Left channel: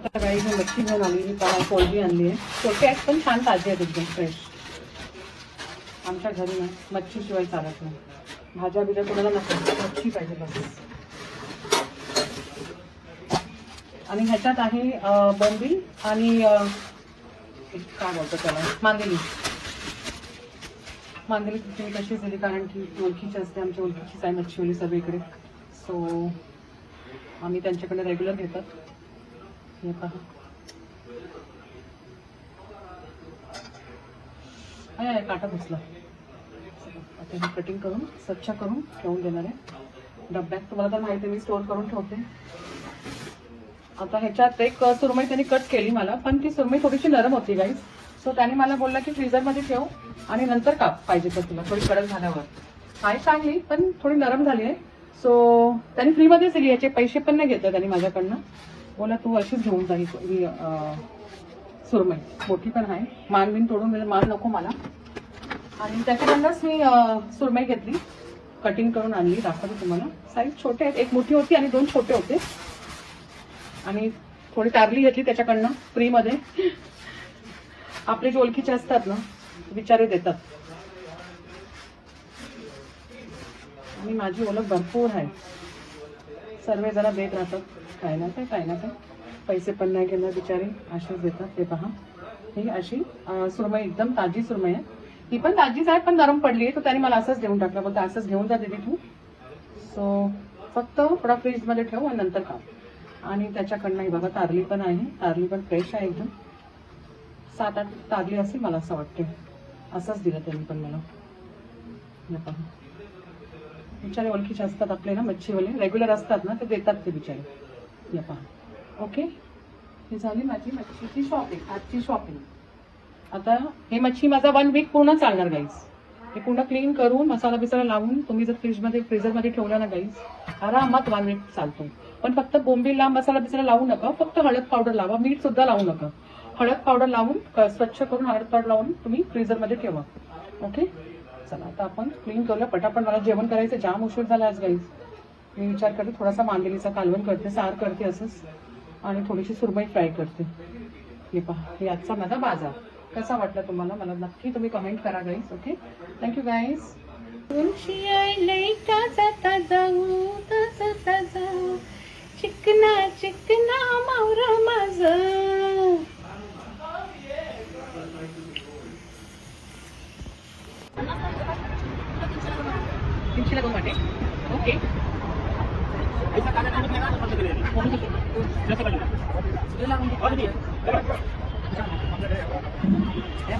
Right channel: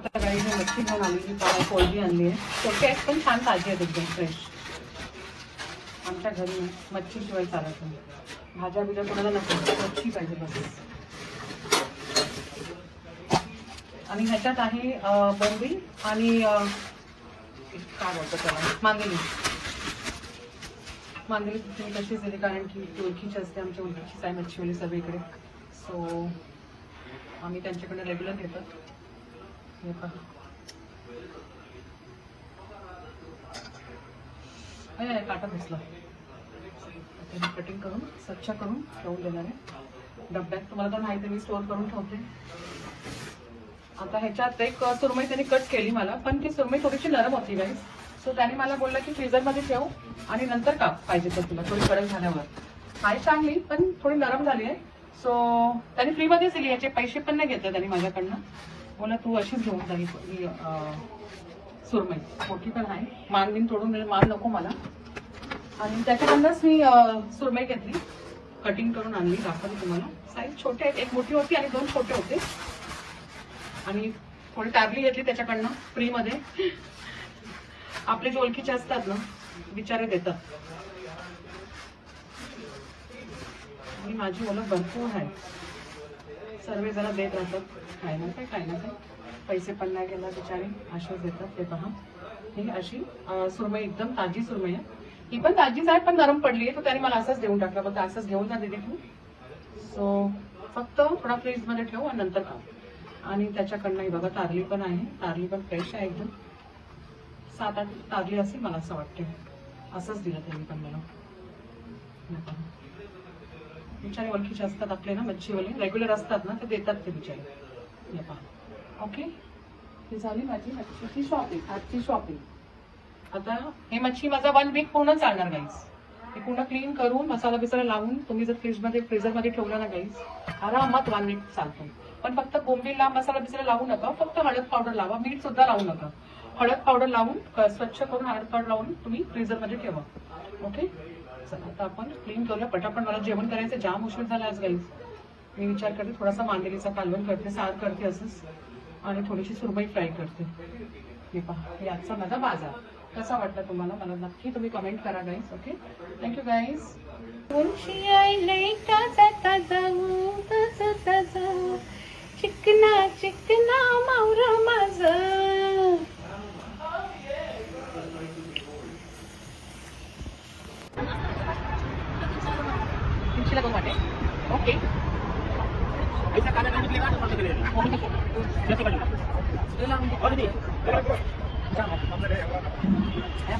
आता गाईने मच्छी घेऊन आली, कोळंबी आणली आहे. छोटे आहेत पण छान ताजे आहेत, एकदम फ्रेश. आमच्या घरी मच्छी शिवाय चालत नाही. भाज्या बिज्या कोणाला नको, मच्छी पाहिजे बस. आणि ह्याच्यात आहे बोंबील आणि काय बोलतो त्याला, मांदेली. मांदेली तुम्ही कशीच दिली, कारण की ओळखीची असते, आमच्या ओळखीचीच आहे मच्छीवाली सगळीकडे. सो आम्ही त्यांच्याकडे रेग्युलर घेतात. हे पहा, अरे काटा बसला. आता हे कटिंग करून स्वच्छ करून ठेवून देणार आहे डब्यात. तुम्हाला तर माहिती आहे मी स्टोअर करून ठेवते. आता ह्याच्यात एक सुरमई त्यांनी कट केली मला, पण ती सुरमई थोडीशी नरम होती गाईज. सो त्याने मला बोलला की फ्रीझरमध्ये ठेव आणि नंतर काप पाहिजे तर तुला, थोडी कडक झाल्यावर. आहे चांगली पण थोडी नरम झाली आहे. सो त्यांनी फ्रीमध्येच दिली, याचे पैसे पण नाही घेतले त्यांनी माझ्याकडनं. बोला तू अशीच घेऊन जाईल ही सुरमई. मोठी पण आहे, मान बिन तोडून दिले, मान नको मला. आणि त्याच्याकडनंच मी सुरमई घेतली, कटिंग करून आणली. दाखवते तुम्हाला. साईज छोटे आहेत, एक मोठी होती आणि 2 छोटे होते. आणि थोडी तारली घेतली त्याच्याकडनं फ्रीमध्ये. आपले जे ओळखीचे असतात ना, बिचारे देतात. आणि माझी ओळख भरपूर आहे, सर्व जरा देत राहतात, काय ना काय. पैसे पण नाही घेणार बिचारे, अशीच देतात. हे पहा, ही अशी सुरमई एकदम ताजी सुरमई आहे. ही पण ताजीच आहे पण नरम पडली, तर त्याने मला असंच घेऊन टाकलं. बोलतो असंच घेऊन जा दीदी तू. सो फक्त थोडा फ्रीजमध्ये ठेव आणि नंतर खा. आणि त्याच्याकडनं बघा तारली पण आहे, तारली पण फ्रेश आहे एकदम. 7-8 तारली असेल मला असं वाटते. असंच दिलं त्यांनी पण मला. बिचारे ओळखीचे असतात आपले ना, मच्छीवाले रेग्युलर असतात ना, ते देतात ते बिचारे. ओके, ही झाली माझी मच्छीची शॉपिंग, आजची शॉपिंग. आता ही मच्छी माझा 1 वीक पूर्ण चालणार गाईज. हे पूर्ण क्लीन करून मसाला बिसाला लावून तुम्ही जर फ्रीजरमध्ये ठेवला ना गाईज, आरामात 1 वीक चालतो. पण फक्त बोंबीला मसाला बिसाला लावू नका, फक्त हळद पावडर लावा, मीठ सुद्धा लावू नका. हळद पावडर लावून स्वच्छ करून हळद पावडर लावून तुम्ही फ्रीजरमध्ये ठेवा. ओके, चला आता आपण क्लीन करूया पटापट. मला जेवण करायचं, जाम उशीर झाला आज गाईज. मी विचार करते थोडासा मांदेलीचा कालवण करते, सार करते असंच, आणि थोडीशी सुरमई फ्राय करते. हे पहा, हे आजचा माझा बाजार. कसा वाटला तुम्हाला मला नक्की तुम्ही कमेंट करा गाईज. Okay, thank you guys. चिकना चिकना मावर माझं. चिंचीला करून वाटे. ओके,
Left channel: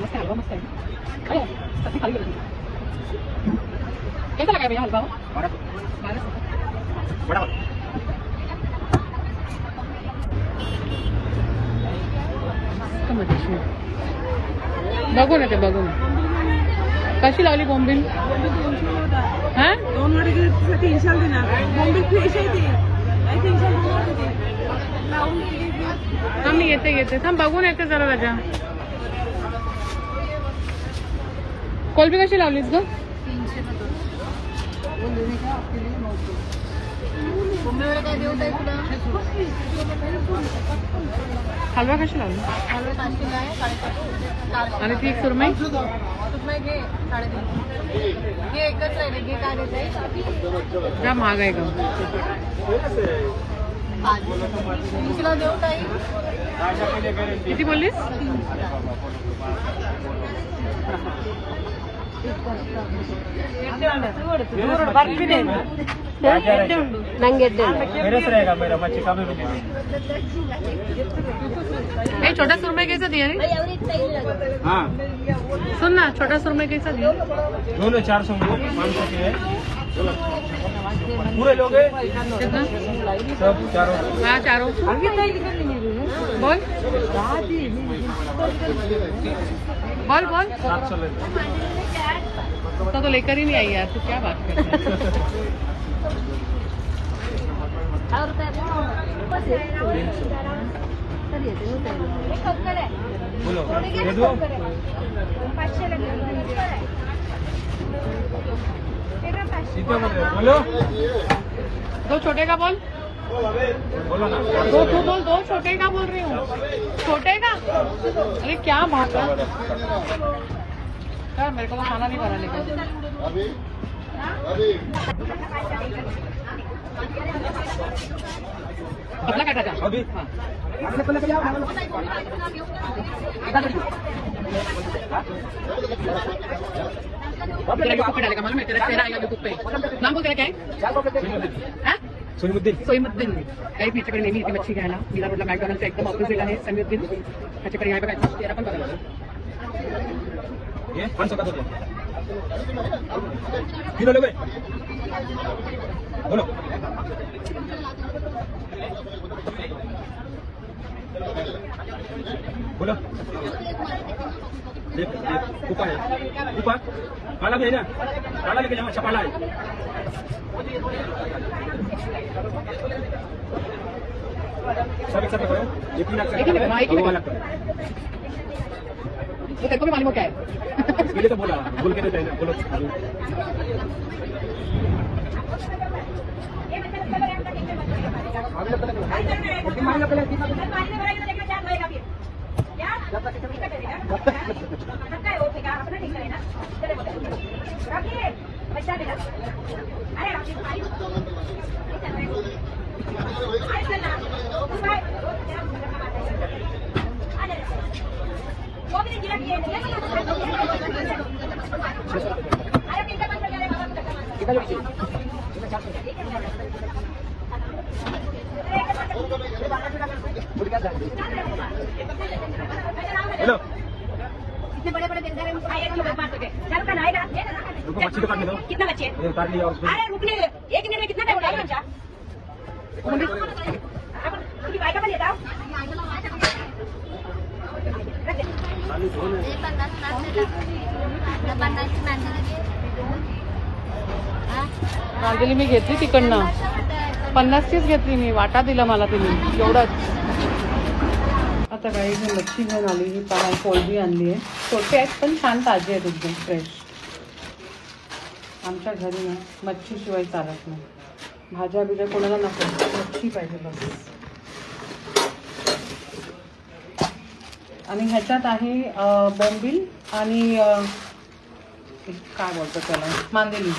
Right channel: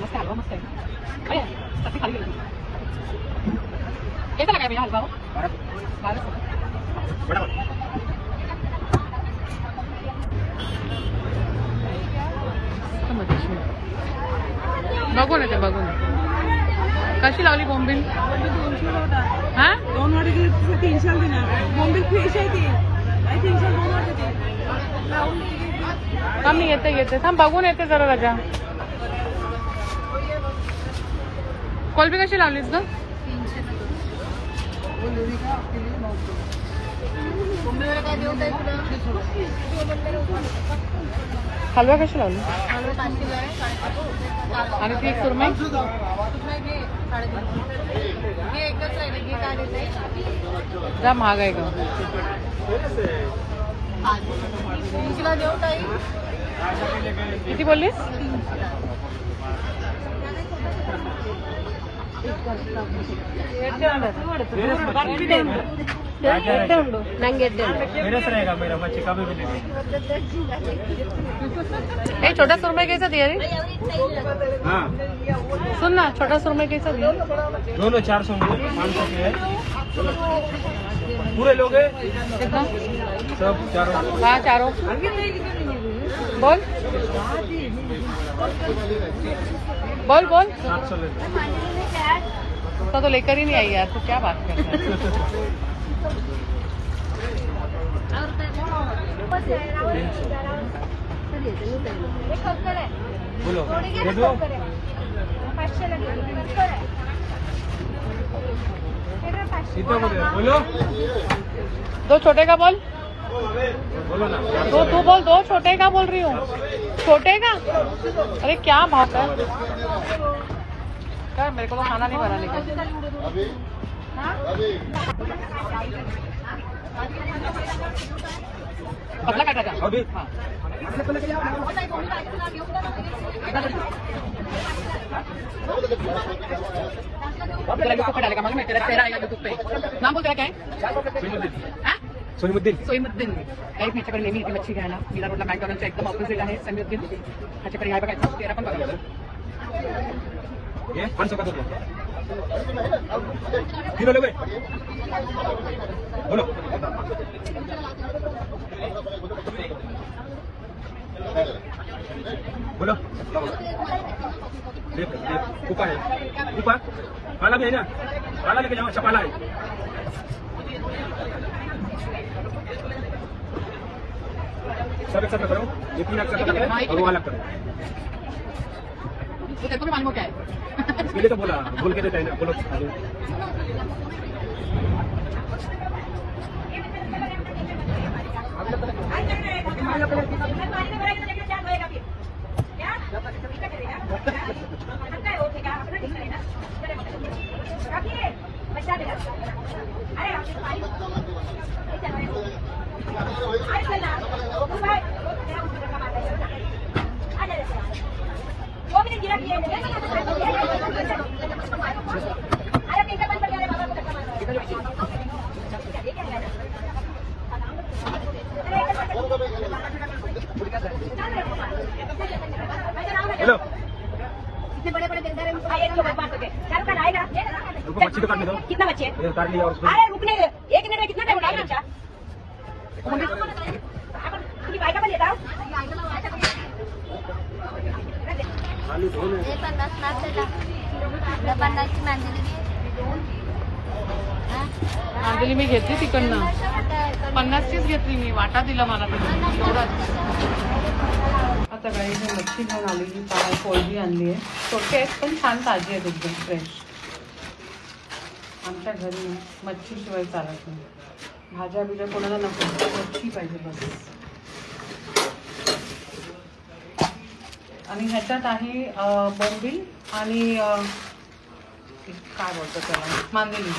मस्त हलवा, मस्त आहे. खाली गेली कैसा लगा मेरा हलवा? बघून येते, बघून. कशी लावली बोंबील? हा, कमी येते थांब, बघून येते जरा राजा. कोलबी कशी लावलीस ग? हलवे कशी लावली? आणि ती सुरमई क्या महाग आहे का? किती बोललीस? छोटा सुरमई कैसा दिया? हाँ सुन ना, छोटा सुरमई कैसा दिया? दोनों 400 500 की है। पूरे लोग कितना? सब चारों। हाँ चारों। बोल बोल बोल। 700 तो लेकर ही नहीं आई यार, तू क्या बात करता है? बोलो बोलो, 2 छोटे का बोल। दो तू बोल, दो छोटे का बोल रही हूँ, छोटे का। अरे क्या बात है, क्या मेरे को तो खाना नहीं बनाने का। पतला काटा जा अभी। हाँ तेरा यूट्यूब पे डालेगा, मालूम है? तेरा चेहरा आएगा यूट्यूब पे। नाम बोल, तेरा क्या है? सोईमुद्दीन. काही ह्याच्याकडे नेहमी येते मच्छी घ्यायला. मीरा रोडला मॅकडॉनल्डच्या एकदम ऑपोजिट आहे समीउद्दीन. ह्याच्याकडे आहे बघा, चेहरा पण बघा. बोलो बोलो. कुपा है, कुपा पाला भी है ना, पाला लेके जाओ. अच्छा पाला है. सब एक करो, ये 3 लाख का 2 लाख का. तो तेरे को भी मालूम क्या है, इसके लिए तो बोला, बोल के देते हैं ना. बोलो हेलो, इतने बड़े बड़े बिल्डर मच्छी तो काटने दो. कितना बच्चे काट लिया. और अरे रुकने 1 मिनट में कितना टाइम होगा बच्चा? काय का लेता मांदेली मी घेतली तिकडनं 50चीच घेतली मी. वाटा दिला मला तुम्ही एवढं. आता काही मी मच्छी घेऊन आली. ही कोळंबी आणली आहे. छोटे आहेत पण छान ताजे आहेत, एकदम फ्रेश. आमच्या घरी ना मच्छीशिवाय चालत नाही. भाज्या बिज्या कोणाला नको, मच्छी पाहिजे बस. आणि ह्याच्यात आहे बोंबील आणि काय बोलतो त्याला, मांदेली.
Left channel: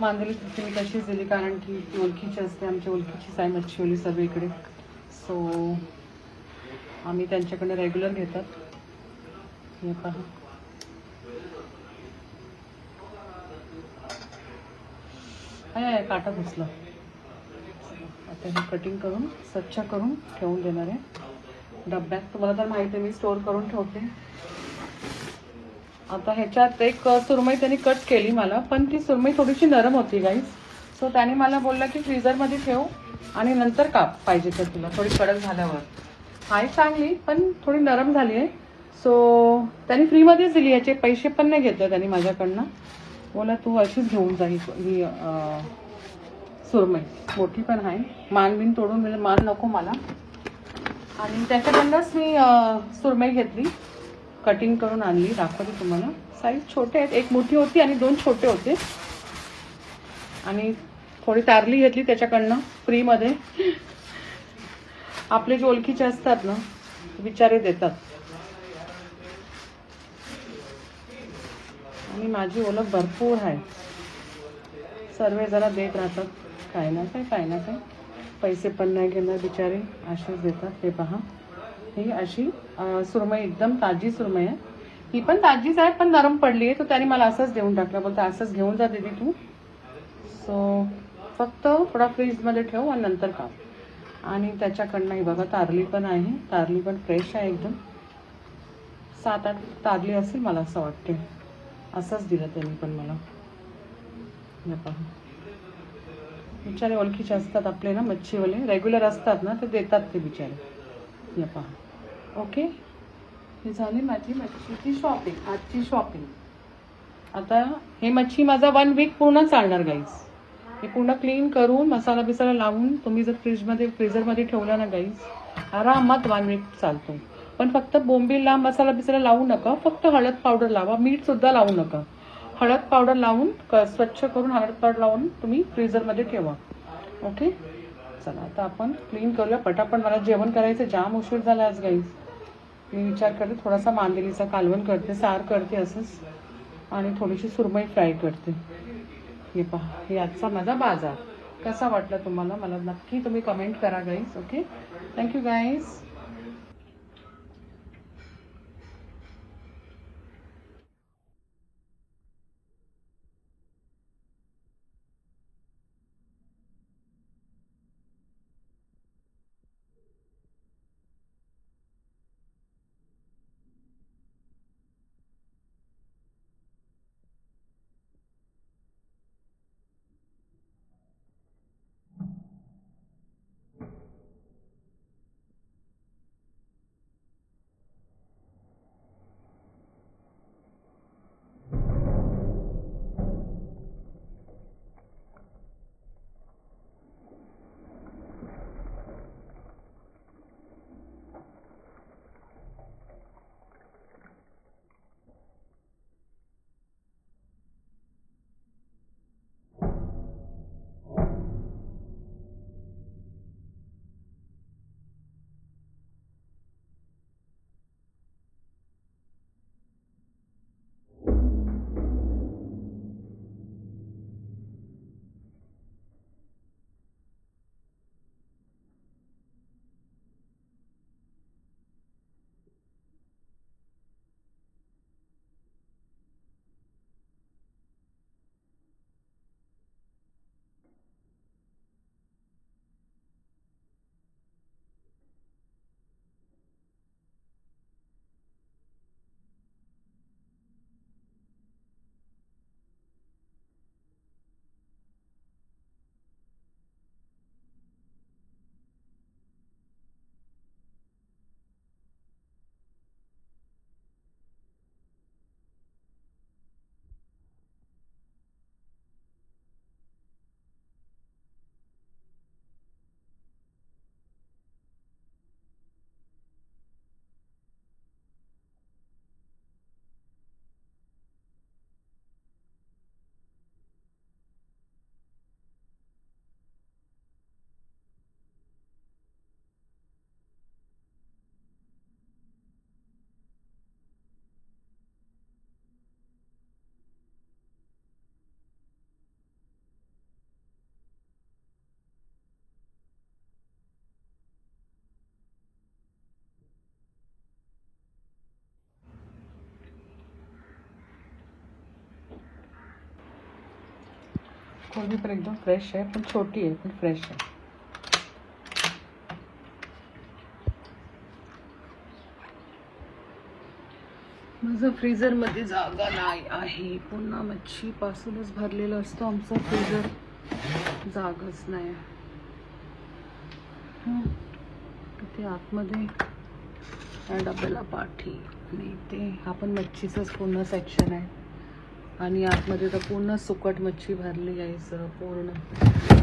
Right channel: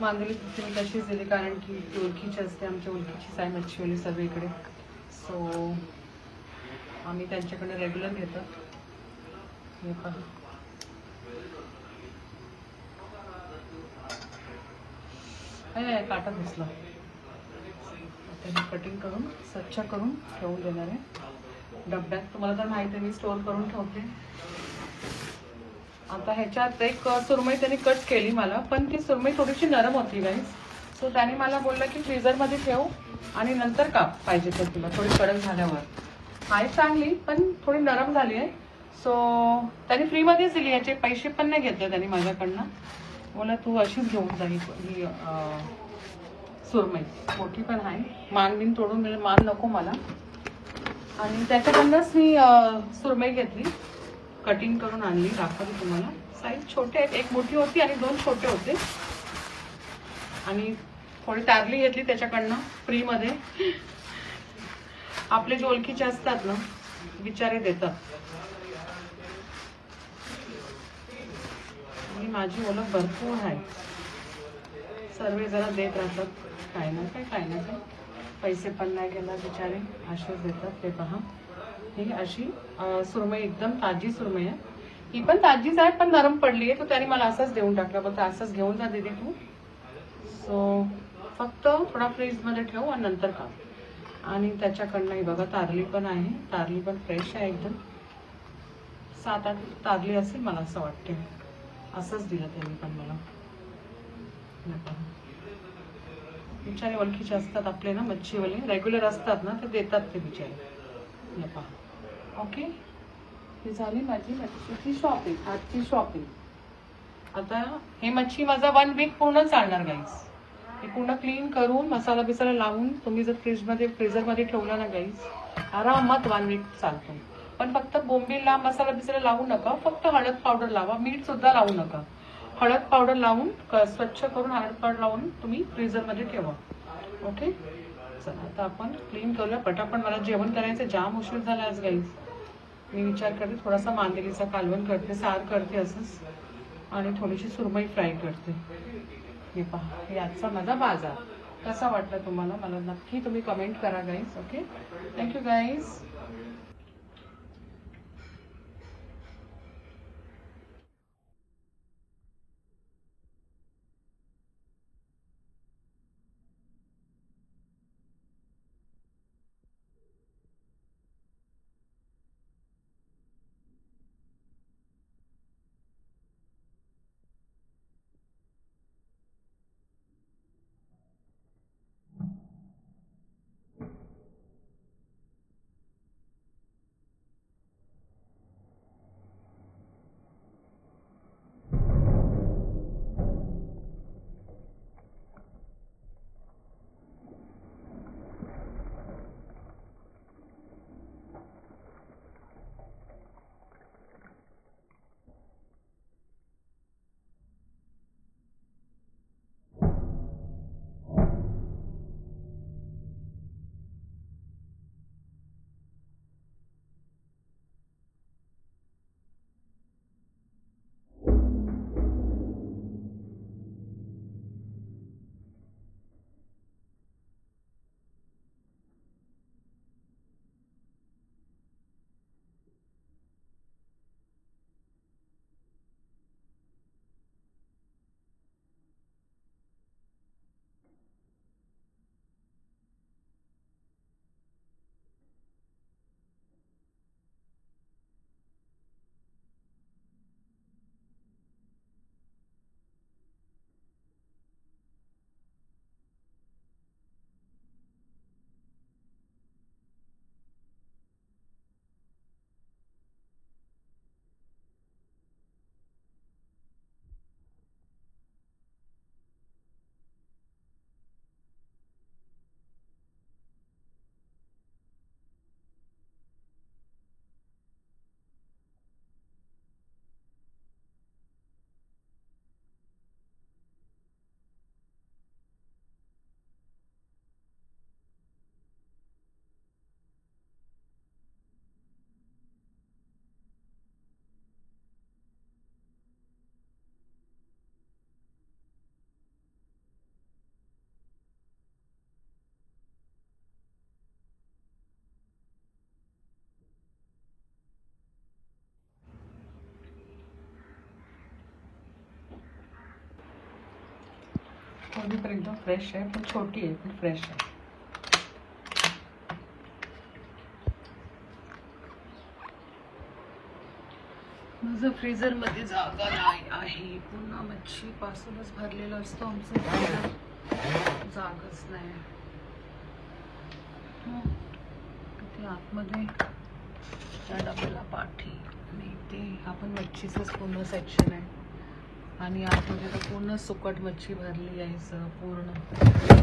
मांदेली तुम्ही तशीच दिली, कारण की ओळखीची असते. आमच्या ओळखीचीच आहे मच्छीवाली सगळीकडे. सो आम्ही त्यांच्याकडे रेग्युलर घेतात. हे पहा, काटा दिसला. आता हे कटिंग करून स्वच्छ करून ठेवून देणार आहे डब्यात. तुम्हाला तर माहिती आहे मी स्टोर करून ठेवते. आता ह्याच्यात एक सुरमई त्यांनी कट केली मला, पण ती सुरमई थोडीशी नरम होती गाईज. सो त्याने मला बोलला की फ्रीझरमध्ये ठेव आणि नंतर काप पाहिजे तर तुला, थोडी कडक झाल्यावर. आहे चांगली पण थोडी नरम झाली आहे. सो त्यांनी फ्रीमध्येच दिली, याचे पैसे पण नाही घेतले त्यांनी माझ्याकडनं. बोला तू अशीच घेऊन जा ही सुरमई. मोठी पण आहे. मान बिन तोडून म्हणजे मान नको मला. आणि त्याच्याकडनंच मी सुरमई घेतली, कटिंग करून आणली. दाखवली तुम्हाला. साईज छोटे आहेत, एक मोठी होती आणि 2 छोटे होते. आणि थोडी तारली घेतली त्याच्याकडनं फ्रीमध्ये. आपले जे ओळखीचे असतात ना बिचारे देतात. आणि माझी ओळख भरपूर आहे. सर्व जरा देत राहतात, काय ना काय. पैसे पण नाही घेणार बिचारे, अशीच देतात. हे पहा, ही अशी सुरमई एकदम ताजी सुरमई आहे. ही पण ताजीच आहे पण नरम पडली आहे. तर त्याने मला असंच घेऊन टाकलं. बोलतो असंच घेऊन जा दीदी तू. सो फक्त थोडा फ्रीजमध्ये ठेव आणि नंतर खा. आणि त्याच्याकडनं बघा तारली पण आहे. तारली पण फ्रेश आहे एकदम. 7-8 तारली असेल मला असं वाटते. असंच दिलं त्यांनी पण मला. बिचारे ओळखीचे असतात आपले ना मच्छीवाले, रेग्युलर असतात ना, ते देतात ते बिचारे. हे पहा. ओके, ही झाली माझी मच्छीची शॉपिंग, आजची शॉपिंग. आता ही मच्छी माझा 1 वीक पूर्ण चालणार गाईज. ही पूर्ण क्लीन करून मसाला बिसाला लावून तुम्ही जर फ्रीझरमध्ये ठेवला ना गाईज, आरामात 1 वीक चालतो. पण फक्त बोंबीला मसाला बिसाला लावू नका, फक्त हळद पावडर लावा. मीठ सुद्धा लावू नका. हळद पावडर लावून स्वच्छ करून हळद पावडर लावून तुम्ही फ्रीझरमध्ये ठेवा. ओके, चला आता आपण क्लीन करूया पटापट. मला जेवण करायचं, जाम उशीर झाला आज गाईज. मी विचार करते थोडासा मांदेलीचा कालवण करते, सार करते असंच, आणि थोडीशी सुरमई फ्राय करते. हे पहा, हे आजचा माझा बाजार. कसा वाटला तुम्हाला मला नक्की तुम्ही कमेंट करा गाईज. Okay, thank you guys. कोणी पण एकदम फ्रेश आहे, पण छोटी आहे, पण फ्रेश आहे. माझं फ्रीजर मध्ये जागा नाही आहे. पुन्हा मच्छी पासूनच भरलेलं असतं आमचं फ्रीजर, जागाच नाही. तिथे आतमध्ये त्या डब्याला पाठी, आणि ते हा पण मच्छीचाच पूर्ण सेक्शन आहे, आणि आतमध्ये तर पूर्ण सुकट मच्छी भरली आहे सर पूर्ण.